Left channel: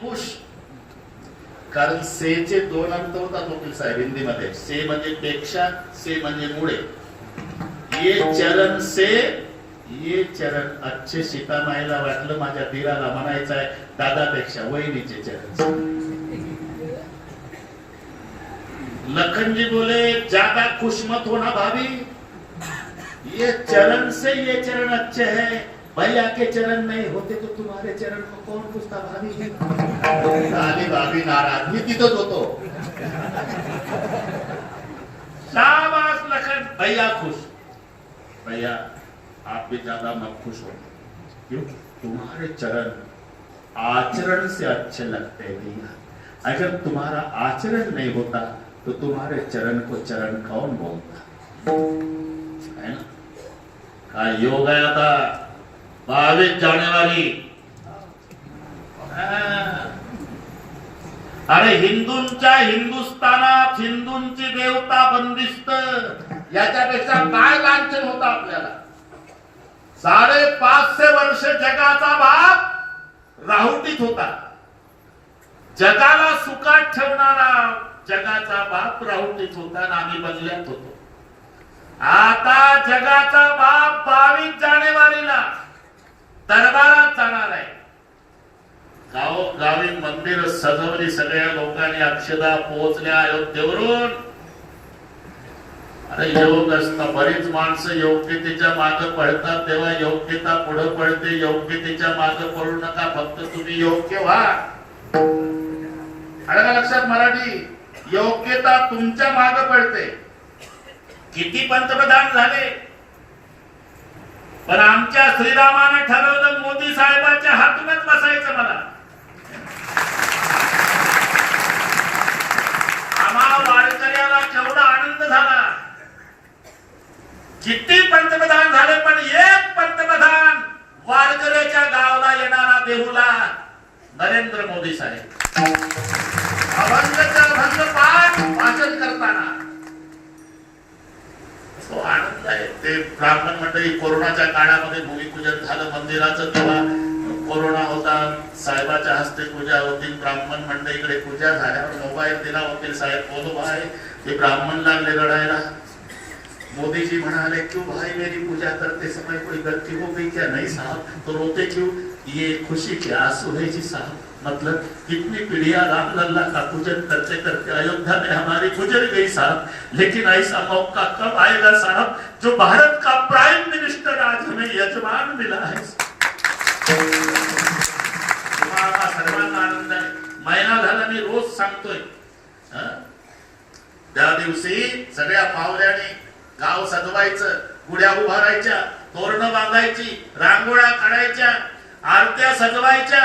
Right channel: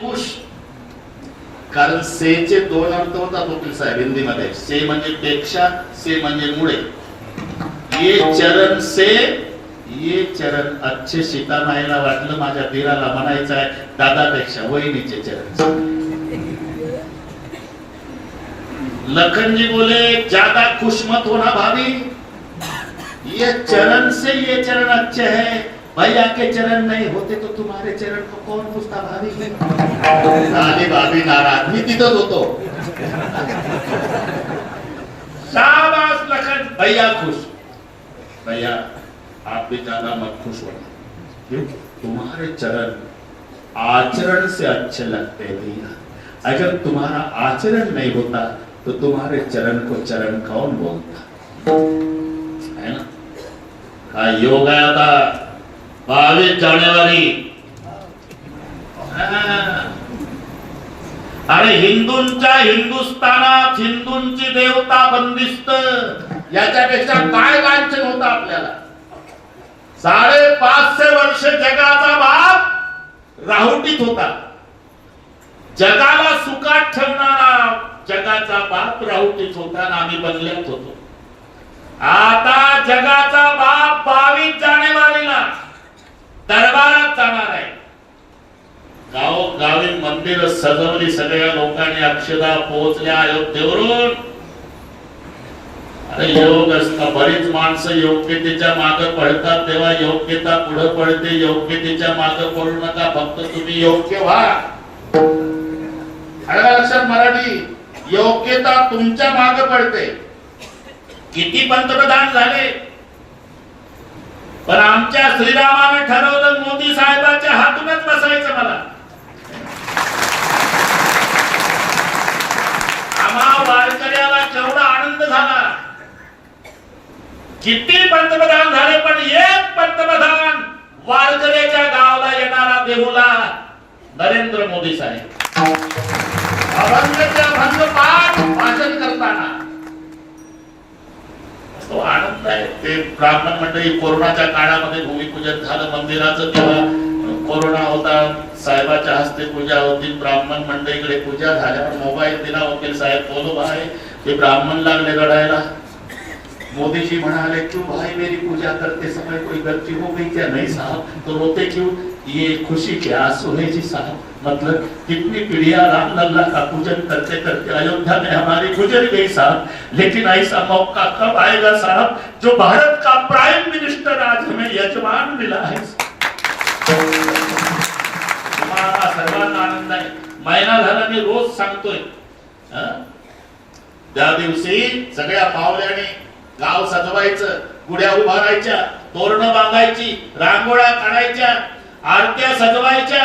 खुश. कारण सेचे दोन अर्थ होतात वकील साहेब हिंदीमध्ये. से म्हणजे पेक्षा से म्हणजे मुळे. ये चरण से ये चरण अच्छे सीतामाईला वाटलं माझ्या दिराला म्हणायचं आहे दादापेक्षा वहिनीचे चरण लखन जी बोले ज्यादा खुश मत होना भाभी. ये चरण से ये चरण अच्छे हैं भैया के चरण नहीं होते तो तुम्हारे चरण को कौन पूछता भाभी? झाली भाभी नाराज़। मी तिथंच होतो शाबाश लखन। भैया खुश। भैया आप भी ज़्यादा मत खुश होना। क्यों? तुम्हारे चरण आचरण से अच्छे लगते हैं भैया। अगर तुम्हारा आचरण नहीं होता तो तुम्हारे चरण को चरण कौन बोलता? है ना? योग आहे आता बावीस जानेवारी. अरे हिंदूंच्या हिंदुस्थानात हिंदूंची देवता बंदिस्त याच्यापेक्षा काय लांछन होत आपल्याला? साडेपाचशे वर्ष जगाचा बाप राहुटीत होता. जगाला सुखात ठेवणारा जगाचा बाप राहुटीत होता आणि आम्ही बंगल्यात होतो. आता जगाचा बाप बावीस जानेवारीला दरबारात जाणार आहे. गावोगावी मंदिर सजवली सगळ्या लोकांनी अक्षदा पोहोचल्या अयोध्येवरून. अरे योग असत बरीच माणसं योग्यतेच्या मागे पळतात तेव्हा योग्यता पुढे पडते योग्यतेच्या माग पडू नका फक्त तुम्ही योग्य व्हा. अरे लक्षात मराठी योग्यता तुमच्या मागे पडते किती पंतप्रधान झाले. पण आमच्या श्रीरामाने ठरवलं मला आम्हा वारकऱ्याला केवढा आनंद झाला. किती पंतप्रधान झाले पण एक पंतप्रधान वारकऱ्याच्या गावाला येणारा देहूला नरेंद्र मोदी साहेब. अभंगचा भंग पाठ भाषण करताना. तो आनंद आहे. ते ब्राह्मण मंडळी कोरोनाच्या काळामध्ये भूमिपूजन झालं मंदिराचं तेव्हा कोरोना होता, साहेबाच्या हस्ते पूजा होती, ब्राह्मण मंडळीकडे पूजा झाल्यावर मोबाईल दिला, वकील साहेब बोलो भाई, ते ब्राह्मण लागले रडायला. मोदी जी म्हणाले, क्यों भाई, मेरी पूजा करते समय कोई गलती हो गई क्या? नहीं साहब तो रोते क्यों? ये खुशी के आँसू है जी साहब। मतलब कितनी पीढ़ियाँ राम लल्ला का पूजन करते करते अयोध्या में हमारी गुजर गई साहब। लेकिन ऐसा मौका कब आएगा साहब, जो भारत का प्राइम मिनिस्टर आज हमें यजमान मिला है? तुम्हाला सर्वांना आनंद आहे. महिना झाला मी रोज सांगतोय त्या दिवशी सगळ्या पावल्याने गाव सजवायचं गुड्या उभारायच्या तोरण बांधायची रांगोळा काढायच्या आरत्या सजवायच्या.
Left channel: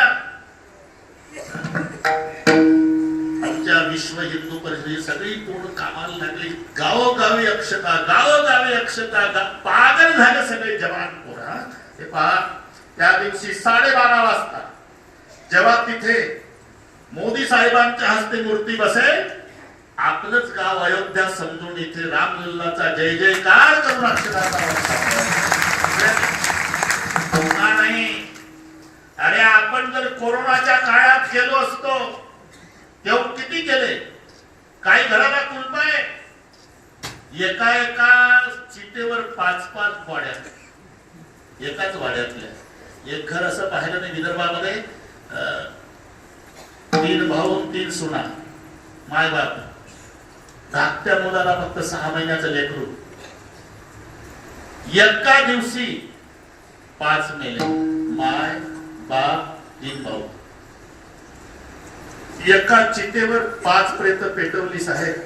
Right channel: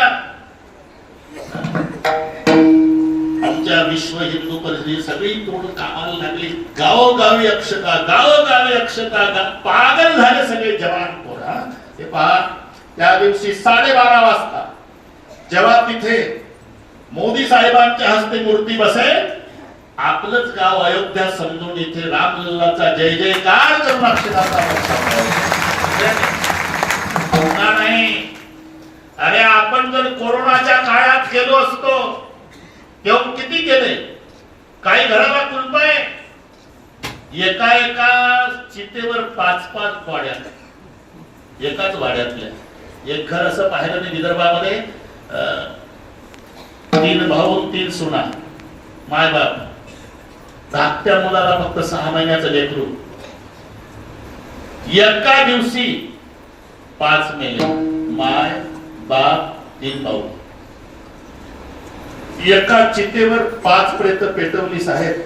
आमच्या विश्व हिंदू परिषदे सगळी तोड कामाला लागली. गावोगावी अक्षता गावोगावी अक्षता पागल झाले सगळे जवान पोरा ते पहा त्या दिवशी साडेबारा वाजता जेव्हा तिथे मोदी साहेबांच्या हस्ते मूर्ती बसेल आपलंच गाव अयोध्या समजून इथे रामलल्लाचा जय जयकार करून अक्षराचा नाही. अरे आपण जर कोरोनाच्या काळात गेलो असतो तेव्हा किती केले? काही घराला कुलप आहे? एका एका चितेवर पाच पाच वाड्या एकाच वाड्यातल्या एक घर असं पाहिलं मी विदर्भामध्ये अं, तीन भाऊ तीन सुना मायबाप धाकट्या मुलाला फक्त सहा महिन्याचं लेकरू. एका दिवशी पाच मेले माय बाप तीन भाऊ. एका चितेवर पाच प्रेत पेटवली साहेब.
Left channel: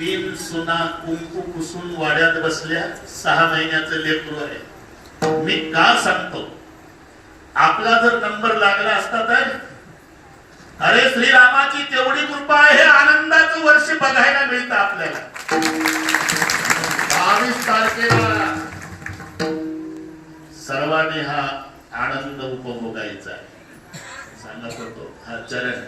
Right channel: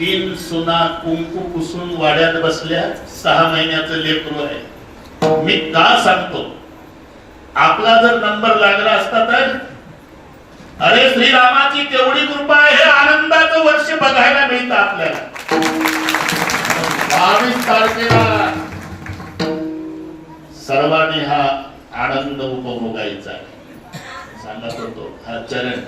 तीन सुना कुंकू पुसून वाड्यात बसल्या सहा महिन्याचं लेकरू आहे. मी का सांगतो? आपला जर नंबर लागला असता तर? अरे श्रीरामाची केवढी कृपा आहे आनंदाचं वर्ष बघायला मिळतं आपल्याला. बावीस तारखेला सर्वांनी हा आनंद उपभोगायचा आहे. सांगत होतो हा चरण